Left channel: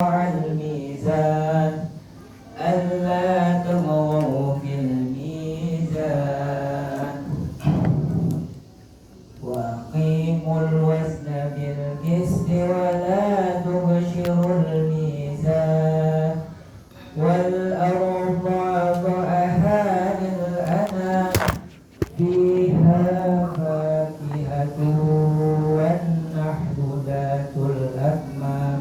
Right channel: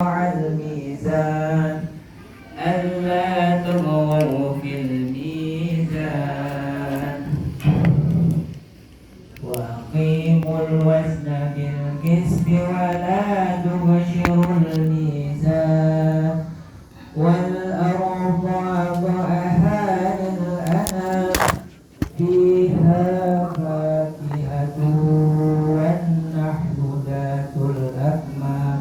الميزان ألا تطغوا في الميزان وأقيموا الوزن بالقسط ولا تبشروا الميزان والأرض وضعها للأنام فيها فاكهة والنحل ذات الأكمام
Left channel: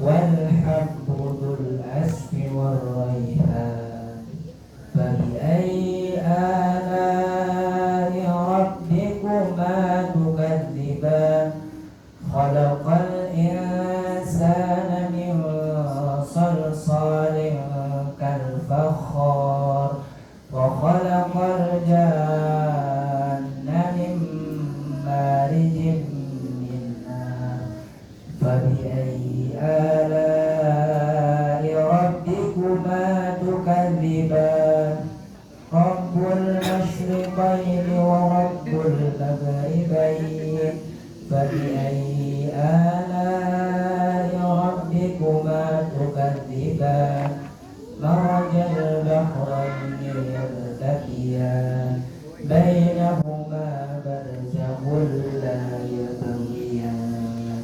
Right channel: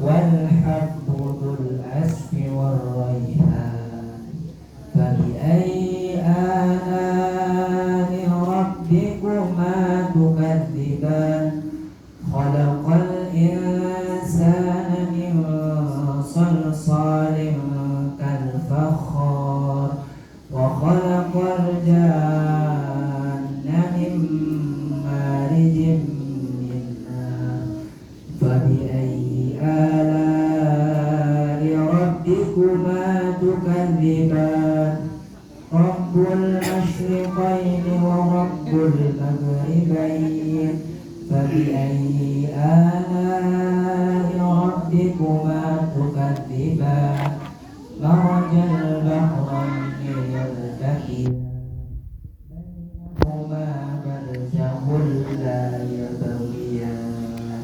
والحب ذو العصف والريحان فبأي آلاء ربكما تكذبان خلق الإنسان من صلصال كالفخار وخلق الجان من مارج من نار فبأي آلاء ربكما تكذبان رب المشرقين ورب المغربين فبأي آلاء ربكما تكذبان مرج البحرين يلتقيان بينهما برزخ لا يبغيان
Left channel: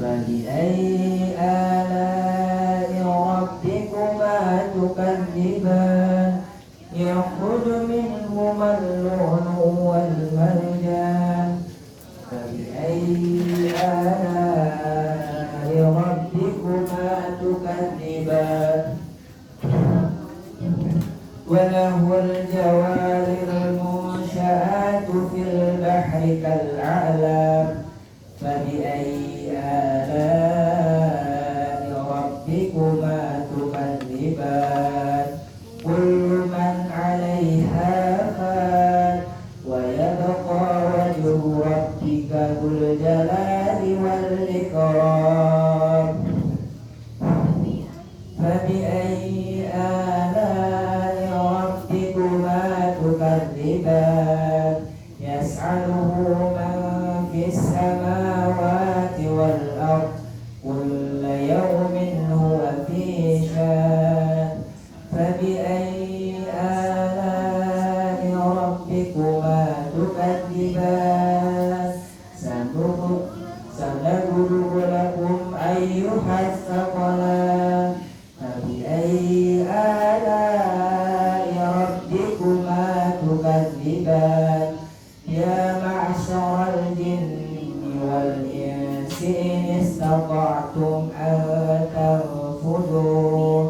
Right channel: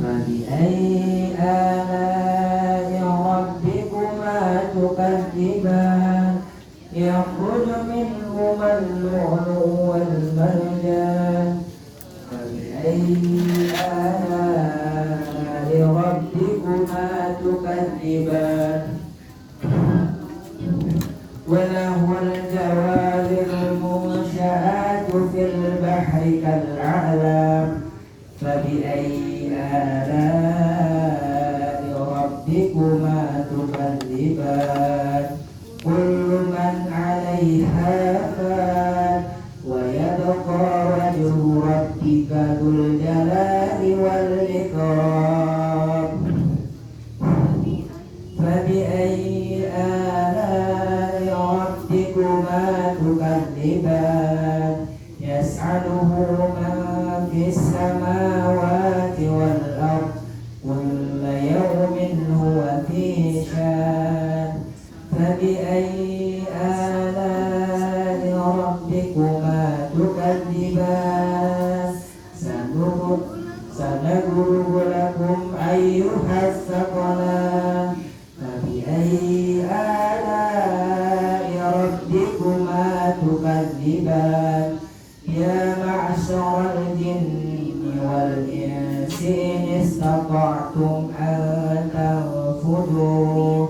فبأي آلاء ربكما تكذبان يخرج منهما اللؤلؤ والمرجان فبأي آلاء ربكما تكذبان وله الجوار المنشآت في البحر كالأعلام فبأي آلاء ربكما تكذبان كل من عليها فان ويبقى وجه ربك ذو الجلال والإكرام فبأي آلاء ربكما تكذبان يسأله من في السماوات والأرض كل يوم هو في شان فبأي آلاء ربكما تكذبان سنضرب لكم أيها الثقلان فبأي آلاء ربكما تكذبان يا معشر الجن والإنس إن استطعتم أن تنفذوا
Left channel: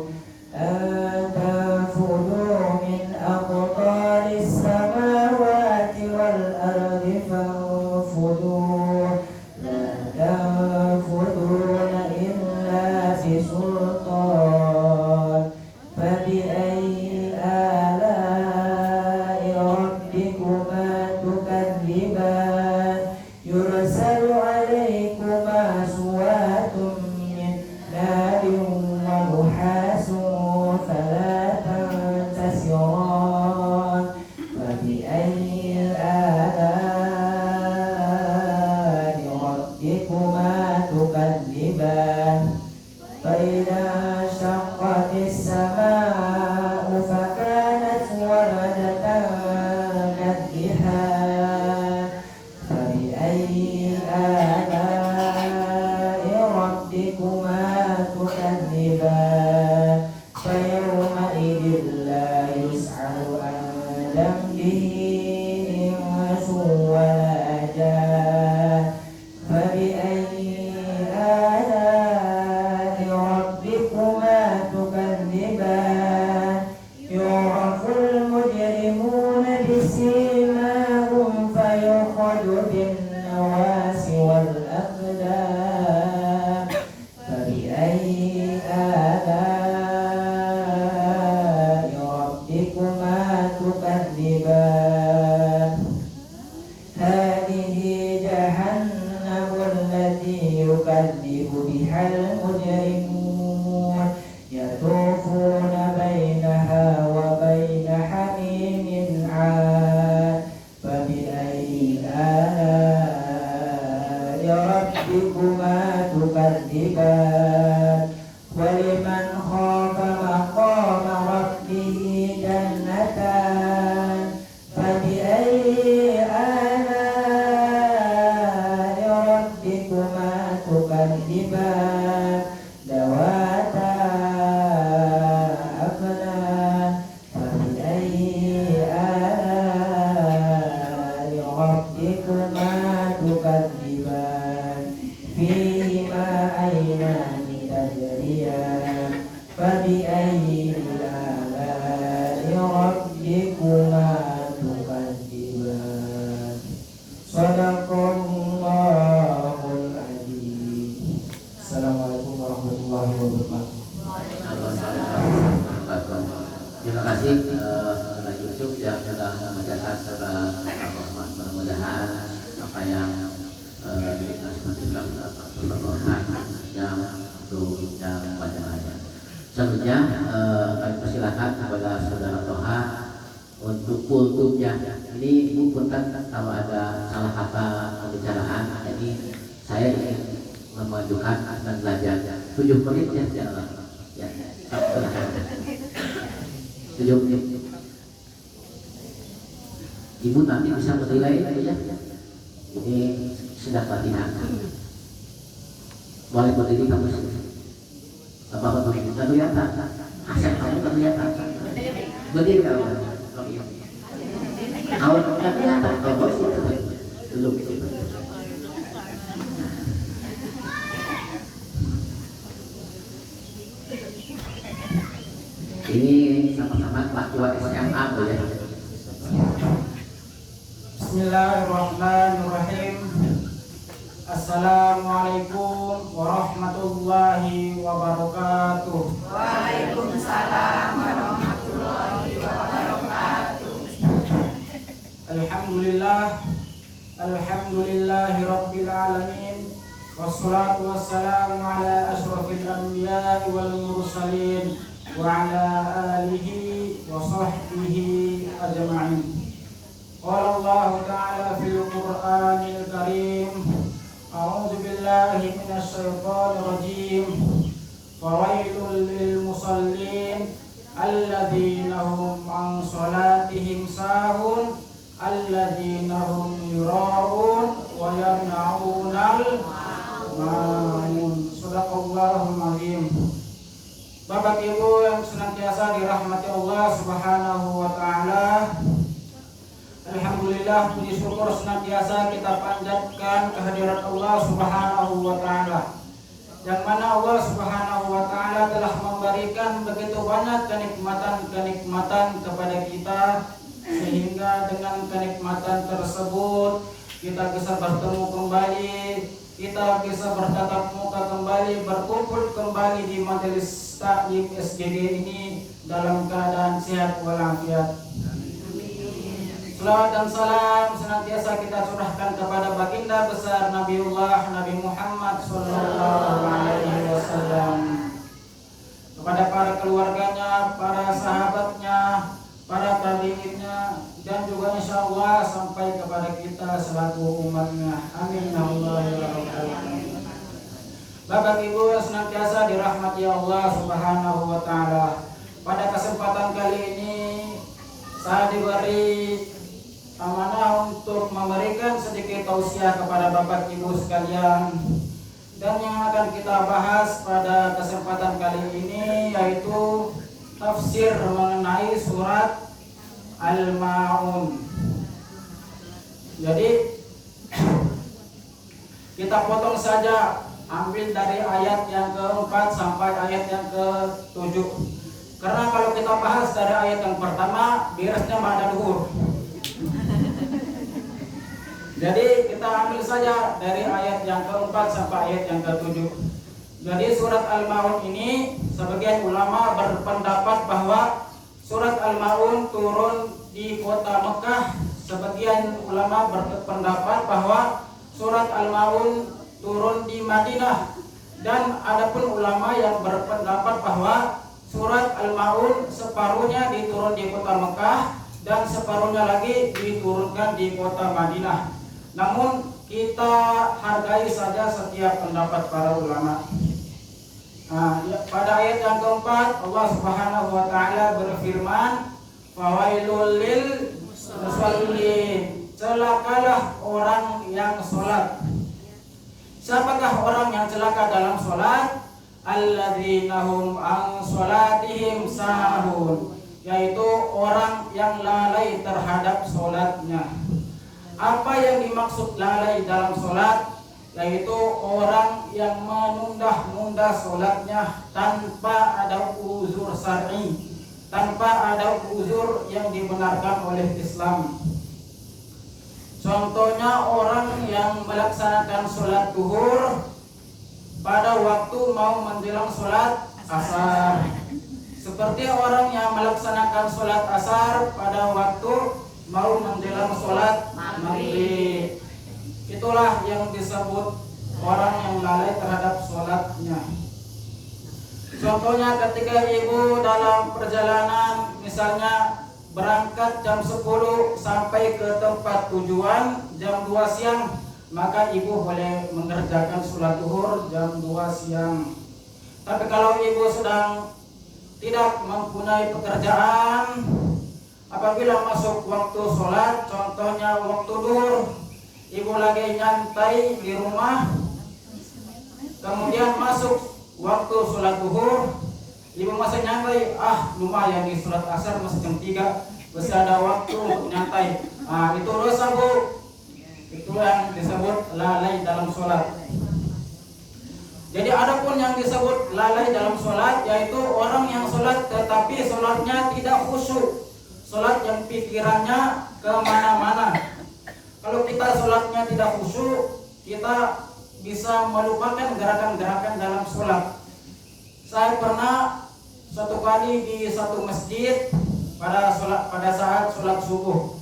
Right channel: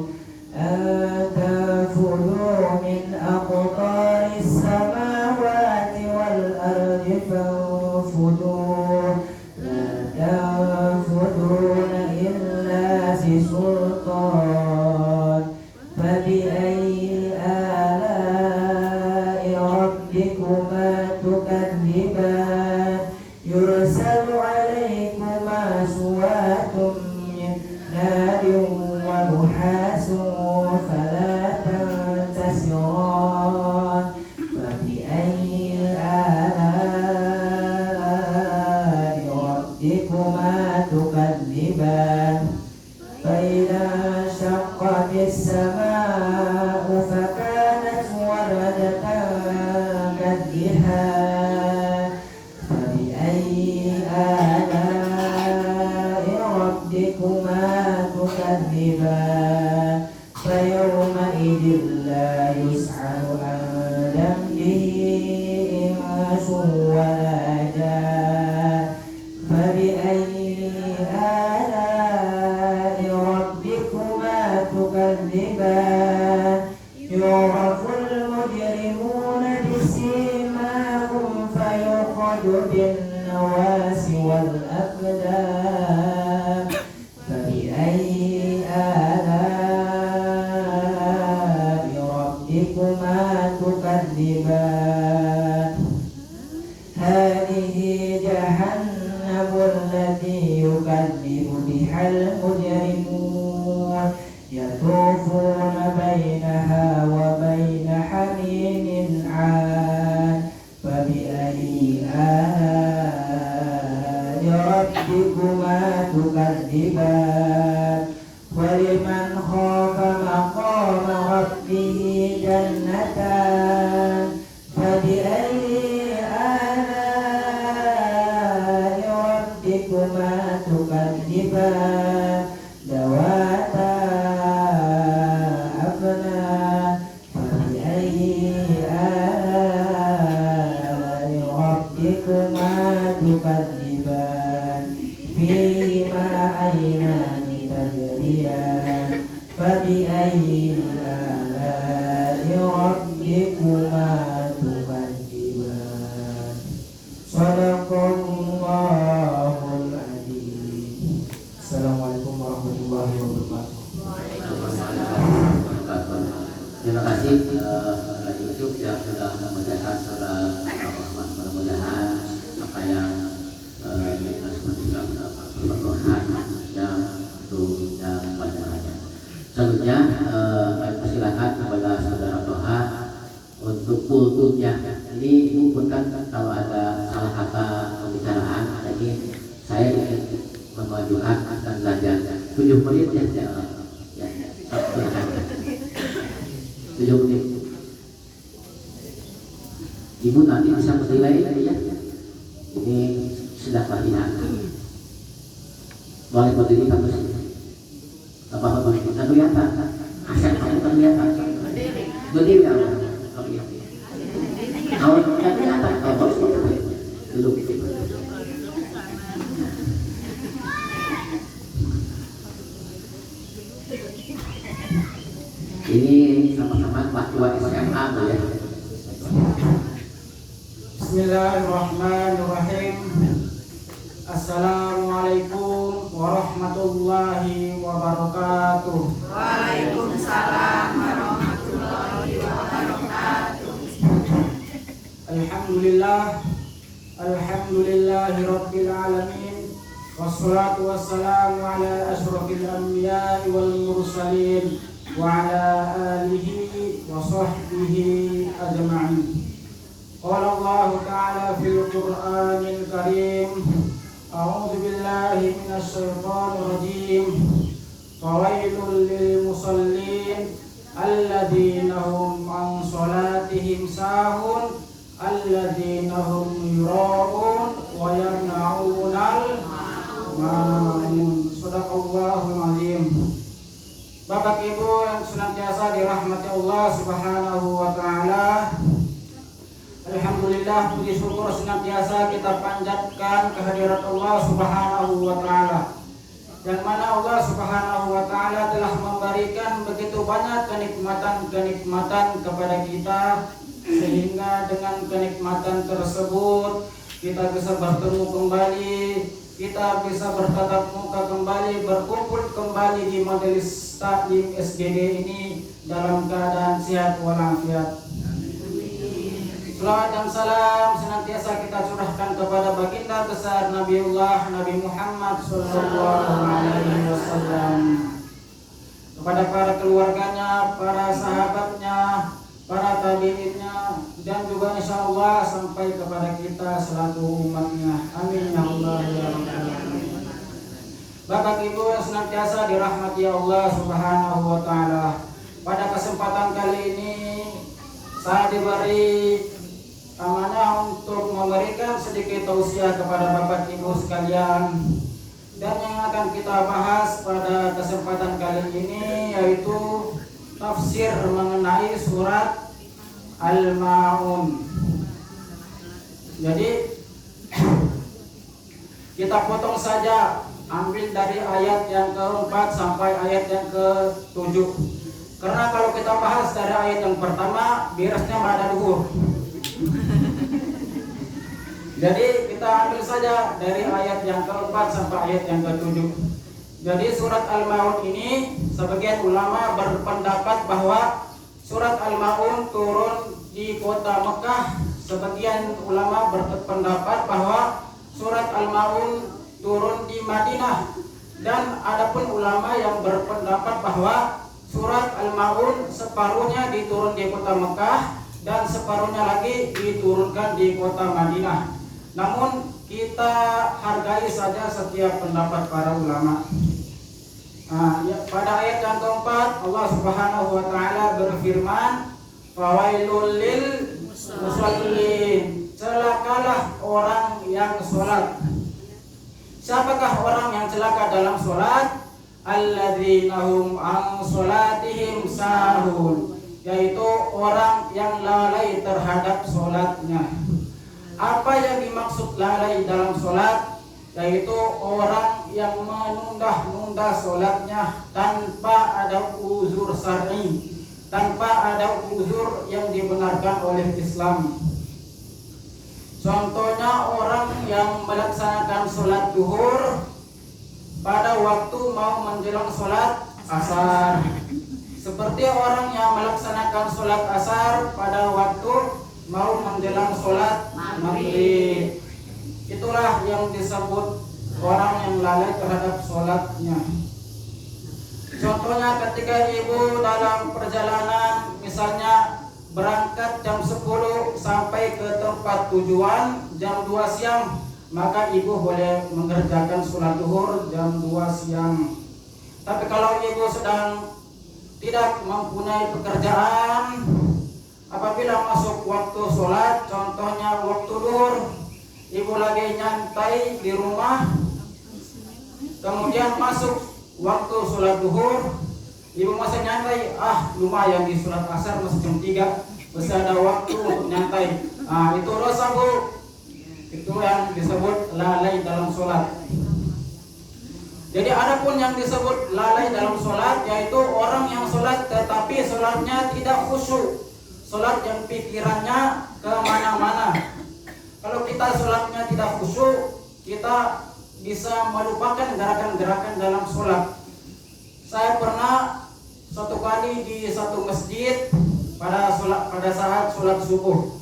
من أقطار السماوات والأرض فانفذوا لا تنفذون إلا بسلطان فبأي آلاء ربكما تكذبان يرسل عليكما سوات من نار ونحاس فلا تنتصران فبأي آلاء ربكما تكذبان فإذا انشقت السماء فكانت وردة كالدهان فبأي آلاء ربكما تكذبان فيومئذ لا يسأل عن ذنبه إنس ولا جان فبأي آلاء ربكما تكذبان يعرف المجرمون بسيماهم فيؤخذ بالنواصي والأقدام فبأي آلاء ربكما تكذبان هذه فبأي آلاء ربكما تكذبان صدق الله العظيم. Assalamualaikum warahmatullahi wabarakatuh. Terima kasih Pak Yusuf yang sudah membacakan surat Al-Rahman. Mudah-mudahan apa yang yang bacaannya. Selanjutnya kami persilakan kepada saudara Toha untuk kulturnya. Ini Bu punten kalau ada salah kata pembicaraan, jadi saya ingin memajukan dan belajar 7 menit ya. Ya, silakan. 7 menit. Ibu nanti bisa menilai ya. Ini sudah latihan. Boleh berdiri kamu sih. Apa berdiri? Tidak kelihatan. Asal kamu kelihatan. Berdiri kamu. Kalau tidak kelihatan, kalau boleh duduk. Ini sama-sama kelas 2 SMA tuh ya. Bismillahirrahmanirrahim. Assalamualaikum warahmatullahi wabarakatuh. Waalaikumsalam warahmatullahi wabarakatuh. Alhamdulillahi rabbil alamin. Wassalatu wassalamu ala asyrafil anbiya'i wal mursalin wa ala alihi wa sahbihi ajma'in. Qala Allah ta'ala fil Qur'anil Karim. A'udzu billahi minasy syaithanir rajim. Fawailul lil musallin alladzina hum an shalatihim sahun alladzina hum yura'un wa yamna'unal ma'un. Shadaqallahul azim. Bapak Ibu yang senantiasa dirahmati Allah Subhanahu wa taala, alhamdulillah, puji syukur senantiasa kita panjatkan kehadirat Allah Subhanahu wa taala, yang mana Allah Subhanahu wa taala telah memberikan begitu banyak kenikmatan-kenikmatan kepada kita, sehingga dengan kenikmatan tersebut kita bisa bertemu kembali, kita bisa bertatap muka kembali, berkumpul kembali di majelis taklim SGD ini dalam keadaan sehat walafiat. Salawat dan salam senantiasa kita curahkan kepada baginda besar Nabiullah Nabi Muhammad SAW, kepada para keluarganya, para sahabatnya, para tabi'innya, dan juga insya Allah sampai kepada kita selaku umatnya. Amin ya Allah ya Rabbal alamin. Bapak Ibu yang senantiasa dirahmati Allah Subhanahu wa taala, pada kesempatan kali ini saya diberi amanah untuk memberikan sedikit tausiah kepada Bapak Ibu sekalian, dan yang akan kita bahas pada kesempatan kali ini yaitu tafsir mengenai surat Al-Ma'un. Jadi kita potong saja, ambil dari ayat yang ke-4 sampai ayat yang ke-7, karena kalau kita bahas dari ayat yang pertama beresnya pada duhur. Jadi kita ambil saja dari ayat yang ke-4 sampai ayat yang ke-7. Jadi surat Al-Ma'un ini, sebagian ulama berpendapat bahwa surat Al-Ma'un turun di kota Mekah. Sebagian ulama berpendapat bahwa surat Al-Ma'un turun di Madinah. Dan adapun ulama yang berpendapat bahwa surat Al-Ma'un separuhnya diturun di kota Mekah dan separuhnya lagi diturunkan di kota Madinah. Namun kita hargai saja setiap pendapat para ulama. Pada ayat yang keempat Allah Subhanahu wa taala berfirman, fawailul lil musallin, celakalah orang yang sholat. Siapakah orang yang celaka dalam sholat? Alladzina hum an sholatihim sahun, yaitu orang yang lalai terhadap sholatnya. Apa yang dimaksud lalai dalam sholat? yaitu orang yang menunda-nunda sholatnya tanpa ada uzur syar'i, tanpa ada uzur yang dibenarkan oleh Islam. Contohnya orang yang melaksanakan sholat duhur pada waktu mau menjelang sholat asar, seperti orang yang melaksanakan sholat asar pada waktu mau menjelang sholat maghrib. Itulah yang disebut orang yang lalai terhadap sholatnya. Contohnya ketika ibu dalam perjalanan, misalnya berangkat jam 10 sampai ke tempat tujuan jam 2 siang, maka ibu boleh mengerjakan sholat duhur jam 2 siang. Tapi kalau ibu sedang tidak mempunyai pekerjaan, apabila masuk waktu sholat, contohnya waktu duhur, ibu lagi nyantai di rumah, kemudian masuk waktu sholat duhur, ibu masih nyantai, lumayan di sholat asar masih jam 3, masih ada waktu untuk nyantai. Itu dosa, Bu. Itu yang disebut lalai dalam sholat. Jadi adapun yang disebut lalai dalam sholat, yaitu orang yang sholat tetapi sholatnya tidak khusyuk, sholat yang pikirannya kemana-mana. Kalau kita sholatnya tidak khusyuk, kita bisa melupakan gerakan-gerakan dalam sholat. Saya pernah satu kali di satu masjid pada saat sholat subuh.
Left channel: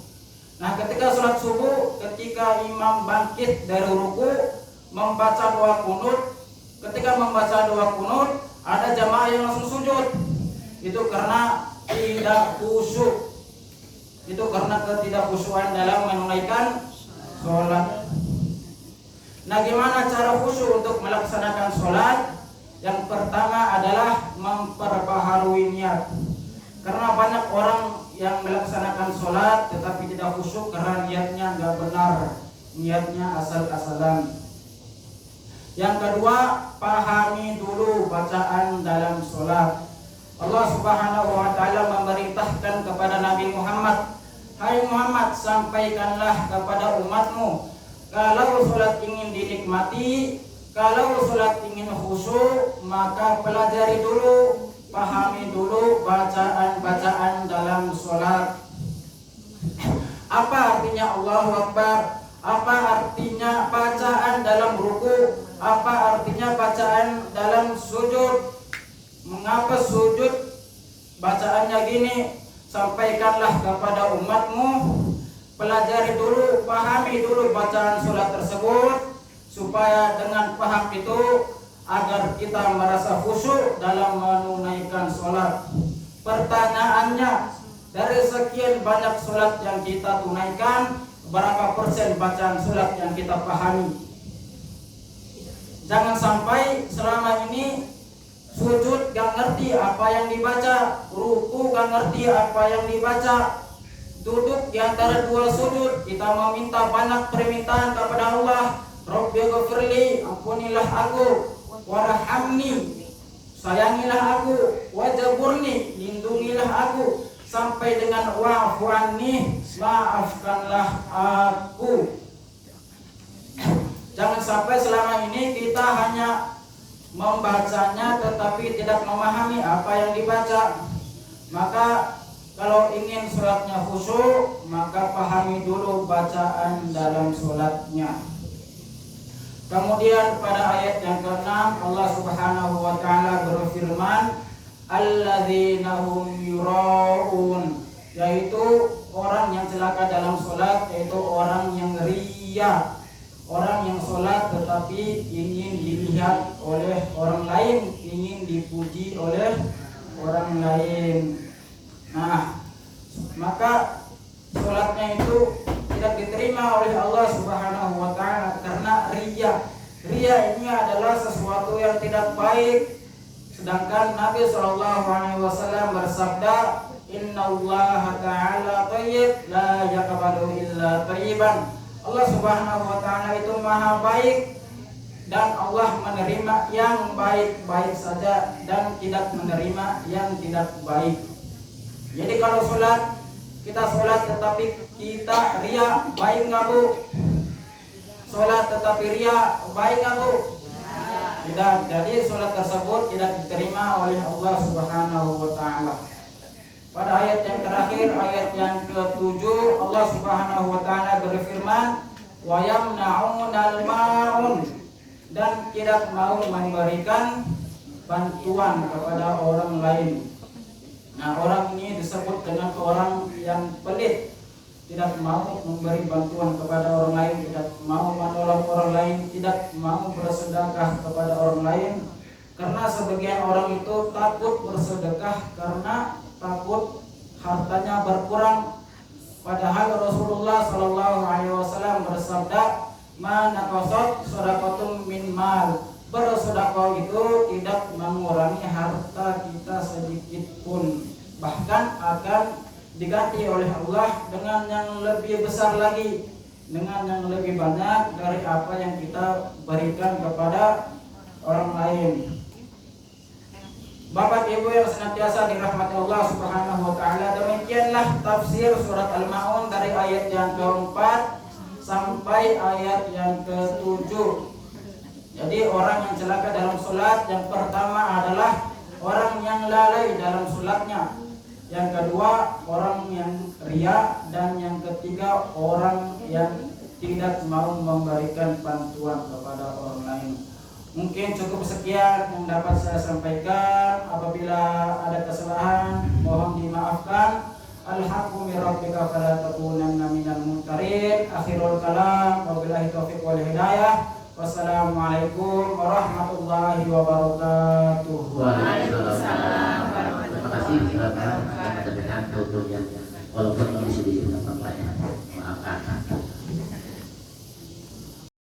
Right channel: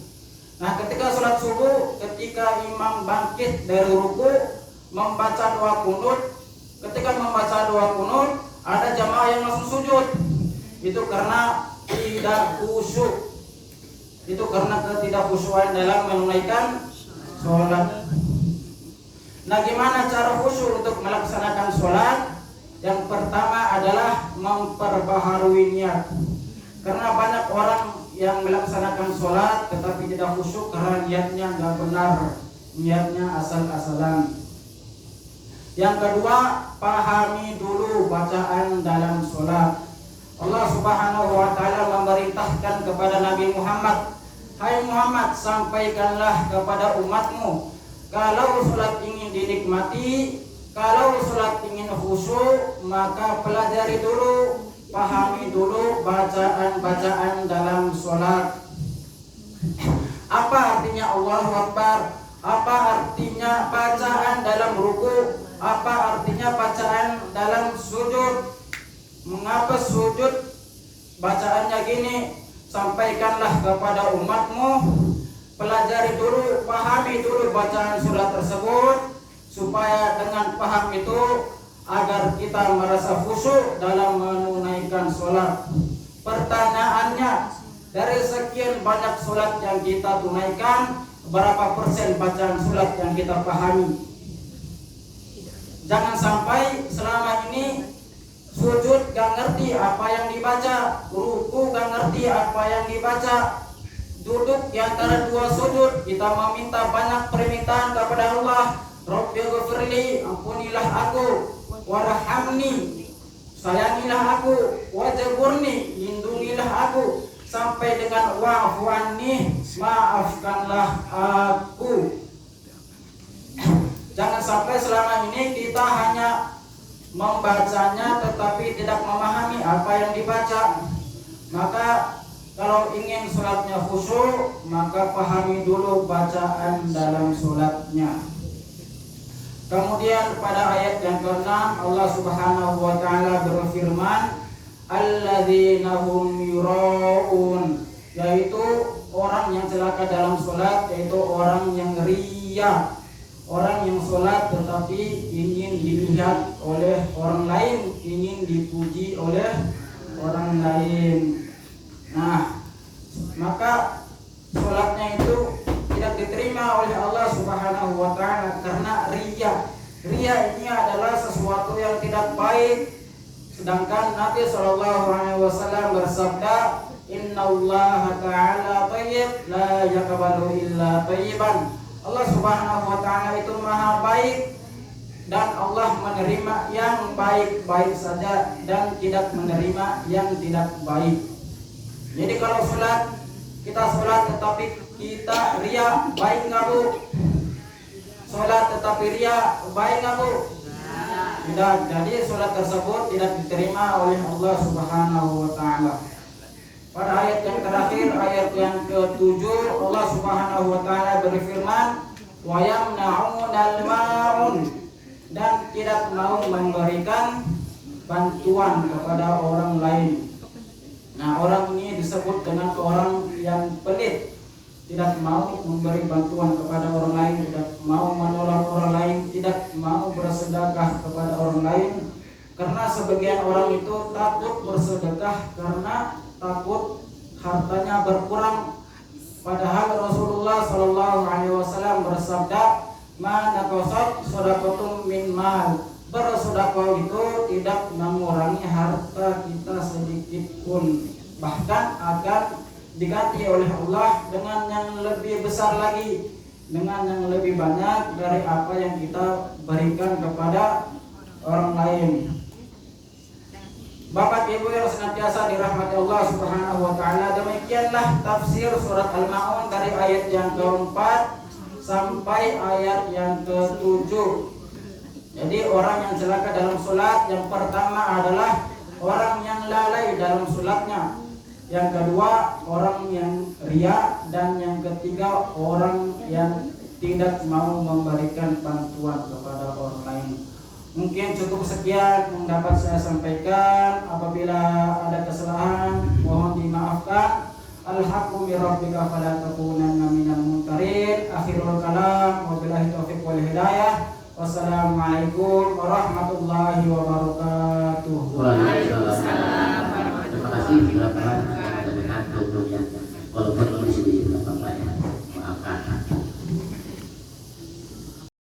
Nah, ketika sholat subuh, ketika imam bangkit dari ruku membaca doa kunut, ketika membaca doa kunut ada jamaah yang langsung sujud. Itu karena tidak khusyuk. Itu karena ketidakhusyuan dalam menunaikan sholat. Nah, gimana cara khusyuk untuk melaksanakan sholat? Yang pertama adalah memperbaharui niat. Karena banyak orang yang melaksanakan sholat tetapi tidak khusyuk karena niatnya nggak benar, niatnya asal-asalan. Yang kedua, pahami dulu bacaan dalam sholat. Allah Subhanahu wa Ta'ala memerintahkan kepada Nabi Muhammad, "Hai Muhammad, sampaikanlah kepada umatmu, kalau sholat ingin dinikmati, kalau sholat ingin khusyuk, maka pelajari dulu, pahami dulu bacaan-bacaan dalam sholat." Apa artinya Allahu Akbar? Apa artinya bacaan dalam ruku? Apa artinya bacaan dalam sujud? Mengapa sujud bacaannya gini? Sampaikanlah kepada umatmu, pelajari dulu, pahami dulu bacaan sholat tersebut, supaya dengan paham itu agar kita merasa khusyuk dalam menunaikan sholat. Pertanyaannya, dari sekian banyak sholat yang kita tunaikan, berapa persen bacaan sholat yang kita pahami? Jangan sampai selama ini sujud gak ngerti apa yang dibaca, ruku gak ngerti apa yang dibaca, duduk di antara dua sujud kita meminta banyak permintaan kepada Allah, Rabbighfirli, ampunilah aku, warhamni, sayangilah aku, wajburni, lindungilah aku, sampai dengan wa'fu anni, maafkanlah aku. Jangan sampai selama ini kita hanya membacanya tetapi tidak memahami apa yang dibaca. Maka kalau ingin sholatnya khusyuk, maka pahami dulu bacaan dalam sholatnya. Kemudian pada ayat yang ke-6 Allah Subhanahu wa Ta'ala berfirman, alladzina hum yura'un, yaitu orang yang celaka dalam sholat, yaitu orang yang riya, orang yang sholat tetapi ingin dilihat oleh orang lain, ingin dipuji oleh orang lain. Nah, maka sholatnya itu tidak diterima oleh Allah Subhanahu wa Ta'ala karena riya. Riya ini adalah sesuatu yang tidak baik. Sedangkan Nabi SAW bersabda, Innallaha ta'ala tayyib la yaqbalu illa tayyiban. Allah Subhanahu wa Ta'ala itu maha baik dan Allah menerima yang baik-baik saja dan tidak menerima yang tidak baik. Jadi kalau kita sholat tetapi kita riya, baik nggak Bu? sholat tetapi ria, baik nggak Bu? Tidak. Jadi sholat tersebut tidak diterima oleh Allah Subhanahu wa Ta'ala. Pada ayat yang terakhir, ayat yang ke-7, Allah Subhanahu wa Ta'ala berfirman, wa yamna'unal ma'un, dan tidak mau memberikan bantuan kepada orang lain. Nah, orang ini disebut dengan orang yang pelit, tidak mau memberi bantuan kepada orang lain, tidak mau menolong orang lain, tidak mau bersedekah kepada orang lain. Karena sebagian orang itu takut bersedekah karena takut hartanya berkurang. Padahal Rasulullah Shallallahu Alaihi Wasallam bersabda, "Man naqasat shadaqatun min mal." Bersedekah itu tidak mengurangi harta kita sedikit pun, bahkan akan diganti oleh Allah dengan yang lebih besar lagi, dengan yang lebih banyak dari apa yang kita berikan kepada orang lain. Bapak Ibu yang senantiasa dirahmati Allah Subhanahu wa Ta'ala, demikianlah tafsir surat Al-Ma'un dari ayat yang keempat sampai ayat yang ke-7. Jadi orang yang celaka dalam sholat, yang pertama adalah orang yang lalai dalam sholatnya, yang kedua orang yang riya, dan yang ketiga orang yang tidak mau memberikan bantuan kepada orang lain. Mungkin cukup sekian yang dapat saya sampaikan. Apabila ada kesalahan mohon dimaafkan. Al-haqqu min rabbika fala takunanna minal mumtarin. Akhirul kalam, wabillahi taufiq wal hidayah. Wassalamualaikum warahmatullahi wabarakatuh. Waalaikumsalam. Terima kasih telah mendengarkan program yang walaupun kondisi di sini apa-apa ya. Maafkan.